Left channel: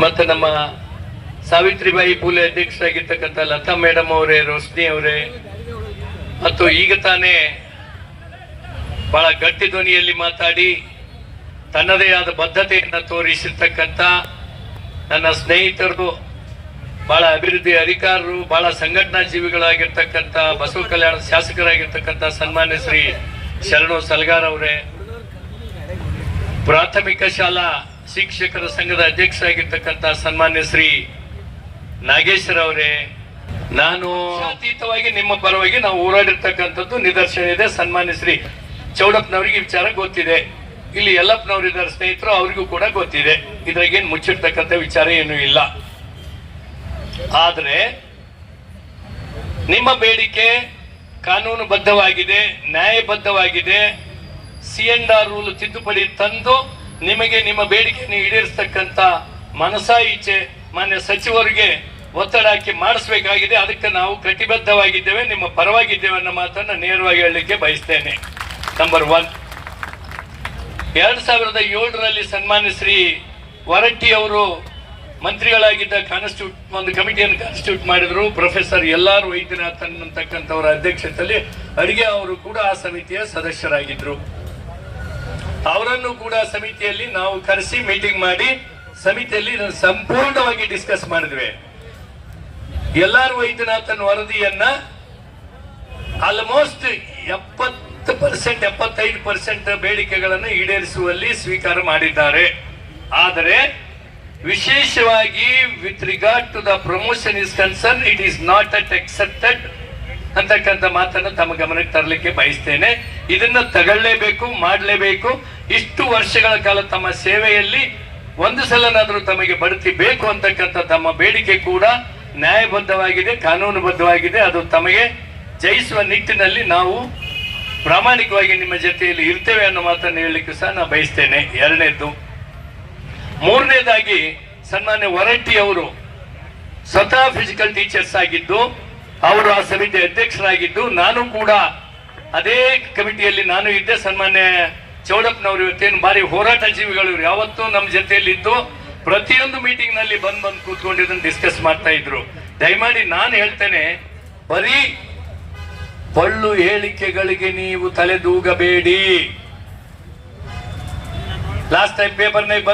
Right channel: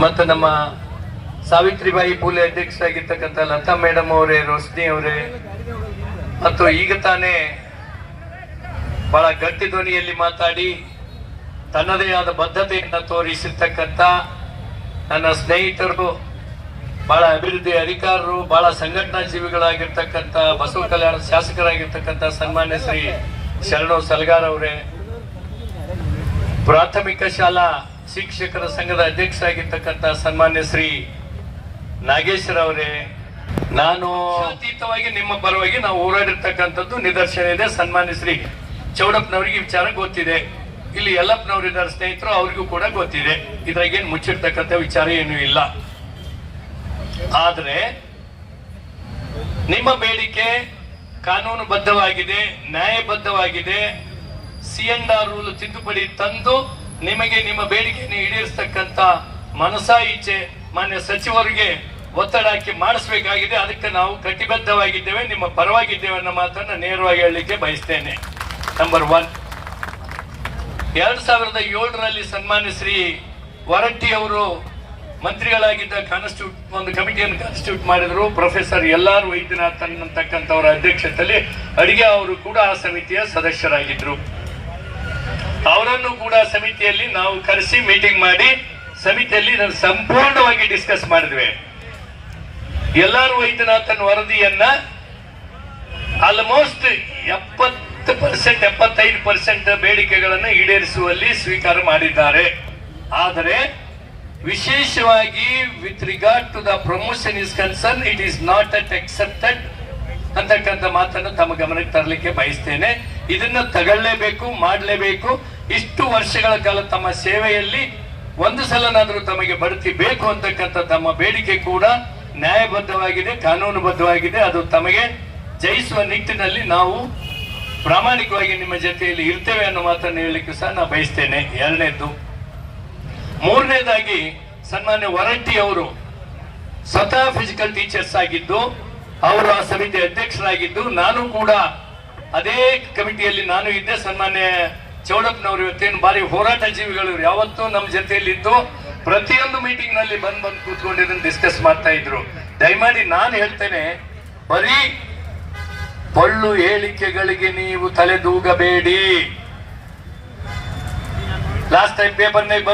ಮತ್ತು ನಮ್ಮ ಸಾವಿತ್ರಿಬಾಯಿ ಫೂಲೆ ಅಧ್ಯಕ್ಷರಾಗಿರ್ತಕ್ಕಂಥ ಲತಾ ಮೇಡಮ್ ಅವರೇ, ರೋಶ್ನಿ ಅವರೇ, ಮತ್ತು ಈಗ ತಾನೇ ಬಹಳ ಗಟ್ಟಿ ಧ್ವನಿಯಲ್ಲಿ ಮಾತಾಡಿ ತನ್ನದೇ ಆದ ಬದ್ಧತೆಯನ್ನು ತೋರಿಸಿರ್ತಕ್ಕಂಥ ನನ್ನ ಸ್ನೇಹಿತರು, ಬಹಳ ಅಭಿವೃದ್ಧಿ ಅಧಿಕಾರರು, ಬಹಳ ಸಂಘಟನಾ ಜೀವಿಗಳಾಗಿರ್ತಕ್ಕಂಥ ಬಸವ ಕಲ್ಯಾಣ ಶಾಸಕರಾಗಿರ್ತಕ್ಕಂಥ ಸನ್ಮಾನ್ಯ ಶ್ರೀ ಶರಣು ಸಲಗಾರ್ ಅವರೇ, ಪ್ರಾಥಮಿಕ ಶಾಲಾ ಶಿಕ್ಷಕರ ಸಂಘದ ಅಧ್ಯಕ್ಷರಾಗಿರ್ತಕ್ಕಂಥ ಸನ್ಮಾನ್ಯ ಶ್ರೀ ನಾಗೇಶ್ವರ ಅವರೇ, ನಾನು ಅತೀತವಾಗಿ ನಿಮ್ಮ ಪರವಾಗಿ ನಾವು ಹೋರಾಡಿರ್ತಕ್ಕಂಥದ್ದು ನಿದರ್ಶನ ಇದೆ. ಸನ್ಮಾನ್ಯ ಶ್ರೀ ಚೌಡಪ್ಪನವರಿಗೆ ವಿಚಾರ ಗೊತ್ತಿದೆ, ಇಲ್ಲಿ ಯಲ್ಲಪ್ಪನವರಿದ್ದಾರೆ ಸ್ನೇಹಿತರು, ಅವರಿಗೂ ಕೂಡ ಗೊತ್ತಿದೆ. ಇದ್ರಾಗೇನು ಮುಚ್ಚಿರ್ತಕ್ಕಂಥ ವಿಚಾರ ಏನೂ ಇಲ್ಲ. ಆದರೆ ನಿಮ್ಮ ಬೇಡಿಕೆ ಕಾನೂನುಬದ್ಧವಾಗಿದೆ, ನ್ಯಾಯಬದ್ಧವಾಗಿದೆ. C&R ರೂಲ್ ತಿದ್ದುಪಡಿ ತಂದು ನಿಮಗೆ ನಿಮ್ಮ ಬೇಡಿಕೆಯನ್ನು ಈಡೇರಿಸತಕ್ಕಂತ ಮನಸಾ ಈಚೆ ಮಾನ್ಯ ಸಚಿವರಿಗೆ ಒತ್ತಡ ಹಾಕಿ ಮಾಡಿಸಬೇಕಾಗಿದೆ. ಅದಕ್ಕೆ ನಾವು ಕಟಿಬದ್ಧವಾಗಿದ್ದೇವೆ, ನಿಮ್ಮ ಪರವಾಗಿದ್ದೇವೆ ಅನ್ನೋ ಮಾತನ್ನು ನೇರವಾಗಿ ಹೇಳಲಿಕ್ಕೆ ಬಯಸ್ತೇನೆ. ನಂಬರ್ 1, 2007ರಲ್ಲಿ ಸನ್ಮಾನ್ಯ ಶ್ರೀ ವರಟ್ಟಿ ಅವರು ಮಂತ್ರಿಗಳಾಗಿದ್ದ ಒಂದು ಕಮಿಟಿಯನ್ನು ಕಾನ್ಸ್ಟಿಟ್ಯೂಟ್ ಮಾಡಿದ್ರು. ಪ್ರೊಫೆಸರ್ LR ವೈದ್ಯನಾಥನ್ ಅಂತಕ್ಕಂಥವರ ಅಧ್ಯಕ್ಷತೆಯಲ್ಲಿ ಅಡಿಗೆ ಅವರು ಕೂಡ ಆ ಸಮಿತಿಯ ಸದಸ್ಯರಾಗಿದ್ರು. ಅವರನ್ನು ಕೂಡ ಸಮಿತಿಯಲ್ಲಿ ನಾವು ಕರೆಸಿ ಮೀಟಿಂಗ್ ಮಾಡಿ ಸಮಿತಿಯಲ್ಲಿ ಸಂಪೂರ್ಣವಾಗಿ ಡಿಸ್ಕಸ್ ಮಾಡಿದ್ವಿ. LR ವೈದ್ಯನಾಥನ್ ವರದಿಯನ್ನ ಆಲ್ಮೋಸ್ಟ್ 70% 75% ಬೇಡಿಕೆಗಳನ್ನು ಈಡೇರಿಸುವಲ್ಲಿ ಸ್ವೀಕಾರ ಮಾಡಿದ್ದಾರೆ. ಆದರೆ ವಿಶೇಷವಾಗಿ with regard to the promotion is concern, it is not at accepted ಅಂತಕ್ಕಂಥ ಮಾತನ್ನು ತಮ್ಮ ಗಮನಕ್ಕೆ ತರಲಿಕ್ಕೆ ಬಯಸ್ತೇನೆ. ಇದನ್ನ ತಗೊಳ್ಳೇಬೇಕು, ಮಾಡಲೇಬೇಕು. ಇಷ್ಟು ವರ್ಷಗಳ ಕಾಲ ತಮ್ಮ ಸೇವೆಯಲ್ಲಿ ಒಂದು ಸಲನಾದರೂ ತಮಗೆ ಬಡ್ತಿ ಬೇಕು ಅಂತಕ್ಕಂಥ ತಮ್ಮ ಬೇಡಿಕೆ ಕೂಡ ನ್ಯಾಯಬದ್ಧವಾಗಿದೆ, ಕಾನೂನುಬದ್ಧವಾಗಿದೆ. ಅದು ತಮಗೆ ಜಯಿಸುವ ನಿಟ್ಟಿನಲ್ಲಿ ನಾವು ಪ್ರಾಮಾಣಿಕವಾಗಿ ನಿಮ್ಮ ಜೊತೆಯಲ್ಲಿ ಇರ್ತೇವೆ ಅನ್ನೋ ಮಾತನ್ನು ಹೇಳಲಿಕ್ಕೆ ಸಹ ನಾನು ಬಯಸ್ತೇನೆ. 2ನೇದು. 3ನೇದಾಗಿ ಸನ್ಮಾನ್ಯ ವರಟ್ಟಿ ಅವರು ಸ್ವತಃ ಫಿಸಿಕಲ್ ಟೀಚರ್ಸ್ ಆಗಿದ್ದು, ಅವರು ಆ ಸಮಿತಿ ಅಧ್ಯಕ್ಷರಾಗಿದ್ದು, ನಾನು ಕೂಡ ಅದೇ ಕಮಿಟಿಯಲ್ಲಿ ನಾನು ಇದ್ದೆ. ಸನ್ಮಾನ್ಯ ಚೌಡಪ್ಪನವರು ಇವತ್ತೇನು ಬಾರಿ ಹೋರಾಟ ಜೀವಿಗಳು, ಯಾವತ್ತೂ ನಮ್ಮ ಜೊತೆಯಲ್ಲಿ ಇದ್ದು ಪ್ರತಿಯೊಂದು ಮೀಟಿಂಗ್ ನಲ್ಲಿ ಬಂದು ಕೂತ್ಕೊಂಡಿದ್ದನ್ನು ಡಿಸ್ಕಸ್ ಮಾಡ್ತಾ ಇದ್ರು. ದಯಮಾಡಿ ನಾನು ಹೇಳ್ತೇನೆ, ಬರೀ ಪೊಳ್ಳು ಹೇಳಿಕೆಗಳಿಗೆ ನೀವು ತಲೆದೂಗಬೇಡಿ. ಲಾಸ್ಟ್ ಟೈಮ್ ಪೇಪರ್ನಲ್ಲಿ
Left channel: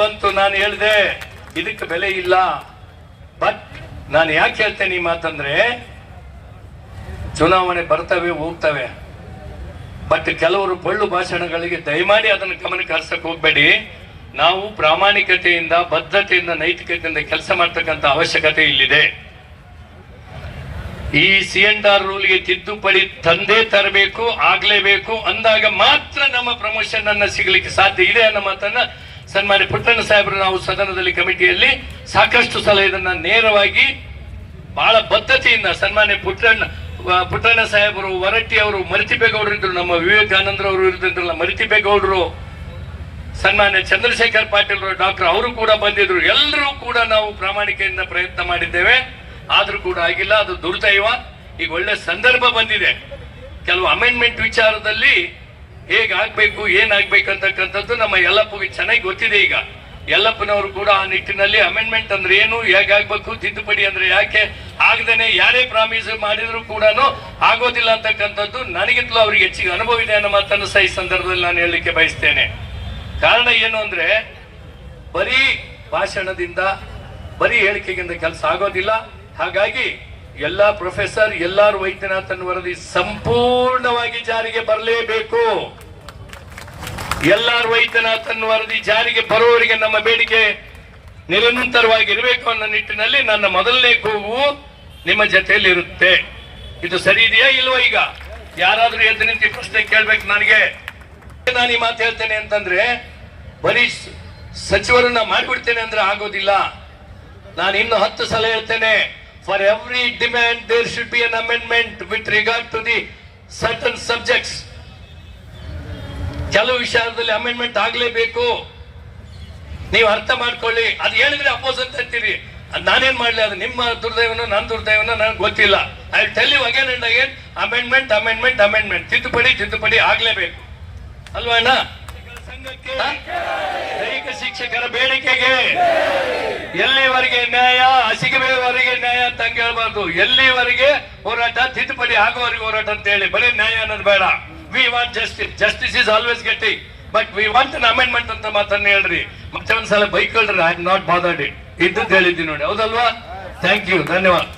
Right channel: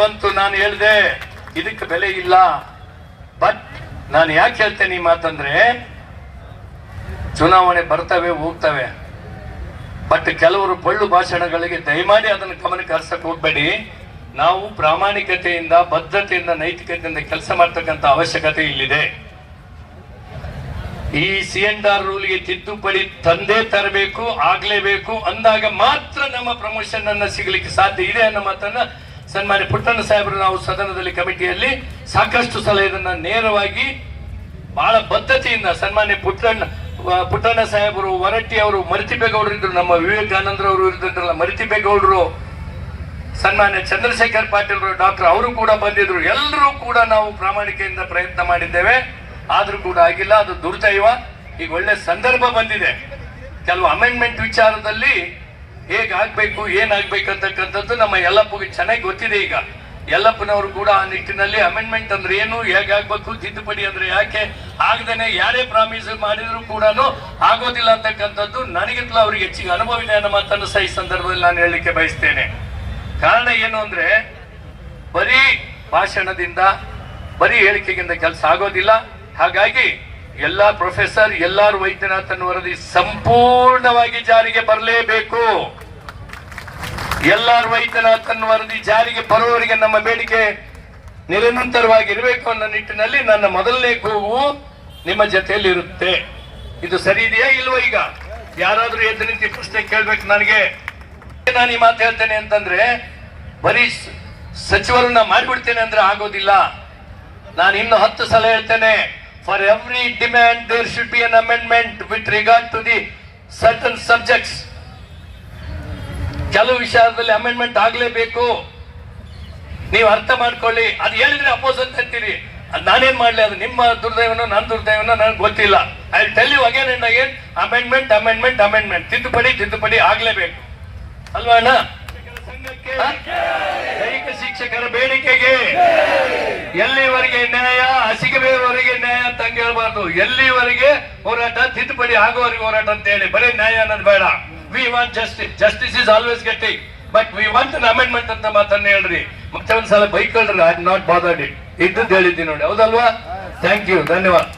ಬಂತು, ನಾನು ಹೇಳಿದೆ ಇದಕ್ಕೆ ಬೆಲೆ ಇಲ್ಲ. ಬಟ್ ನಾನು ಯಾಕೆ ಹೇಳ್ತೇನೆ ಈ ಮಾತಂದ್ರೆ, ಚುನಾವಣೆ ಬರ್ತವೆ ಹೋಗ್ತವೆ, ಬಟ್ ಕೆಲವರು ಪೊಳ್ಳು ಭಾಷಣಗಳಿಗೆ ದಯಮಾಡಿ ಅದನ್ನು ಗಮನಕ್ಕೆ ಹರಿಸಕ್ಕೆ ಹೋಗ್ಬೇಡಿ. ನಾವು ಪ್ರಾಮಾಣಿಕತೆಯಿಂದ, ಬದ್ಧತೆಯಿಂದ, ನೈತಿಕತೆಯಿಂದ ಕೆಲಸ ಮಾಡ್ತಕ್ಕಂಥ ಅವಶ್ಯಕತೆ ಇಲ್ಲಿದೆ. ಈ C&R ರೂಲ್ಗೆ ತಿದ್ದುಪಡಿ ತಂದೇ ತರಬೇಕು, ಆಗ್ಲೇಬೇಕು. ಅಂದಾಗ ಮಾತ್ರ ನಮ್ಮ ಪ್ರಮೋಷನ್ ಅನ್ನ ಸಿಗಲಿಕ್ಕೆ ಸಾಧ್ಯ ಇದೆ ಅನ್ನೋ ಮಾತನ್ನ ಸನ್ಮಾನ್ಯ ಪುಟ್ಟಣ್ಣ ಸಾಹೇಬರು ನಾವು ಸದನದಲ್ಲಿ ಕಮಿಟಿಯಲ್ಲಿ ಸಾಕಷ್ಟು ಸಲ ಇದನ್ನ ನೇರವಾಗಿ ಬಹಳ ಬದ್ಧತೆಯಿಂದ ಸನ್ಮಾನ್ಯ ಪುಟ್ಟಣ್ಣ ಸಾಹೇಬರು, ವರಟ್ಟಿ ಅವರು, ಮರಿತಿಬೇಗೌಡರು ಇದ್ರು, ನಮ್ಮ ವಿವೇಕಾನಂದರವರು ಇರ್ತಿದ್ರಲ್ಲ ಮರಿತಿಬೇಗೌಡರು, ಸನ್ಮಾನ್ಯ ಚಂದ್ರಶೇಖರ್ ಪಾಟೀಲ್ ಡಾಕ್ಟರ್ ಅವರು ಕೂಡ ಬಂದಿದ್ರು. ಎಲ್ಲರೂ ಕೂಡ ನಾವು ಪ್ರಾಮಾಣಿಕೆಯಿಂದ ಪ್ರಯತ್ನ ಮಾಡಿದ್ದೇವೆ. ಆದ್ರೂ ಕೂಡ ಆಗಿಲ್ಲ. ಅದು ದುರ್ದೈವ. ಈಗ ಒಳ್ಳೆ ಸಂದರ್ಭ ಬಂದಿದೆ. ಕೆಲವು ಅಮೆಂಡ್ಮೆಂಟ್ ವಿಚಾರದಲ್ಲಿ ಹೇಗಾಗ್ಬೇಕು, ಏನಾಗ್ಬೇಕು ಅಂತಕ್ಕಂಥದ್ದು ನಮ್ಮ ಯಲ್ಲಪ್ಪಗೆ ಚೆನ್ನಾಗಿ ಗೊತ್ತಿದೆ. ಈಗ ಯಲ್ಲಪ್ಪನವರು ಕೂಡ ಆ ನಿಟ್ಟಿನಲ್ಲಿ ಅಮೆಂಡ್ಮೆಂಟ್ ಅಂದ್ರೆ ಏನು, ಹೇಗಾಗ್ಬೇಕು, ತಿದ್ದುಪಡಿ ಅಂದ್ರೆ ಯಾಕೆ, ಆಗದೇನೆ ಯಾರೇ ಪ್ರಾಮಿಸ್ ಮಾಡಿದ್ರು ಕೂಡ ಆಗೋದಿಲ್ಲ ಅಂತಕ್ಕಂಥದ್ದು ನನಗಿಂತಲೂ ಅವ್ರಿಗೆ ಹೆಚ್ಚಿಗೆ ಅನುಭವ ಇದೆ ಅನ್ನೋ ಮಾತನ್ನು ಸಹ ಈ ಸಂದರ್ಭದಲ್ಲಿ ನಾನು ಹೇಳಲಿಕ್ಕೆ ಬಯಸ್ತೇನೆ. ಕಾರಣ ಏನು ಅಂದ್ರೆ, ಬರೀ ಭಾಷಣದಿಂದ, ಬರೀ ಹೇಳಿಕೆಗಿಂತ ಕೆಲಸ ಆಗೋದಿಲ್ಲ. ಹಾಗಾಗಿ ಪ್ರೊಫೆಸರ್ LR ವೈದ್ಯನಾಥನ್ ವರದಿ ಸಂಪೂರ್ಣವಾಗಿ ಜಾರಿಗೆ ಬರಲೇಬೇಕು. LR ವೈದ್ಯನಾಥನ್ ವರದಿ ಜಾರಿಗೆ ಬರುವವರಿಗೆ ನಮ್ಮ ಬೇಡಿಕೆ ನಿರಂತರವಾಗಿರಬೇಕು ಅನ್ನೋ ನಿಟ್ಟಿನಲ್ಲಿ ನನ್ನ ಮೊದಲನೇ ಕೂಗು ನಿಮ್ಮ ಜೊತೆಯಲ್ಲಿ ಇರುತ್ತೆ. ಇದು ಸರಿ ಇದೆಯಾ ಇಲ್ವೋ? ಈಗ ಯಾರಾದ್ರೂ ಎದ್ದು ನಿಂತು ಪ್ರಶ್ನೆ ಕೇಳ್ಬೇಕು ನನಗೆ. ನಾನು ಈ ಮಾತು ಹೇಳ್ತೇನೆ ಅಂತಂದ್ರೆ, ಬರೀ ಸಚಿವರನ್ನ ಮಾಡಿಬಿಡ್ತೇನೆ ಅಂದ್ರೆ ಆಗೋದಿಲ್ಲ. ನಾನು ಇನ್ನು 10 ಸಲ ಹೇಳ್ತೇನೆ, for every demand there should be an amendment with regard to the certain subjects. ಕೆಲವು ವಿಷಯದಲ್ಲಿ ಅಮೆಂಡ್ಮೆಂಟ್ ಆಗ್ಲೇಬೇಕು. ನೀವು ಅರ್ಥ ಮಾಡ್ಕೊಳ್ಳಿ. ಅದು ಹೇಳಿದ್ರೆ ಅಪೋಸ್ ಅಂತ ಅಂತೀರಿ. ನಾನೇನ್ ಮಾಡ್ಲಿ, ಅದು ನಿಮ್ಮ ದುರ್ದೈವನೋ ನನ್ನ ದೈವನೋ ನನಗೆ ಗೊತ್ತಿಲ್ಲ. I tell you again and again, amendment, ತಿದ್ದುಪಡಿ ಆಗ್ಲೇಬೇಕು ಅಲ್ವಾ ಅಣ್ಣ? ಸಂಘಕ್ಕೆ ದೈಹಿಕ ಶಿಕ್ಷಣ ಶಿಕ್ಷಕರ ಬೇಡಿಕೆಗೆ ಎಲ್ಲಿವರೆಗೆ ನ್ಯಾಯ, ಹಸಿಗೆವರೆಗೆ ನ್ಯಾಯ ಅಂತ ಹಂಗೆ ಹೇಳ್ಬಾರ್ದು. ಎಲ್ಲಿವರೆಗೆ ಹೋರಾಟ, ತಿದ್ದುಪಡಿ ಆಗೋವರೆಗೆ ಹೋರಾಟ ಅಂತ ಹೇಳಿ, ಬರೀ ನ್ಯಾಯ ಅನ್ನೋದು ಬೇಡ. We want justice. Justice is always getting, but we want an amendment ಅಂತ ಮಾತನ್ನ ಹೇಳ್ರಿ. ಮತ್ತೆ ಒಂದ್ಸಲ ಬೈಕ್ ಹೇಳ್ರಿ, I am not bothered it ಇದ್ದದ್ದು ಹೇಳಿದ್ದೀನಿ ನೋಡಿ, ಹೌದಲ್ವಾ? ಥ್ಯಾಂಕ್ ಯು, ಧನ್ಯವಾದ.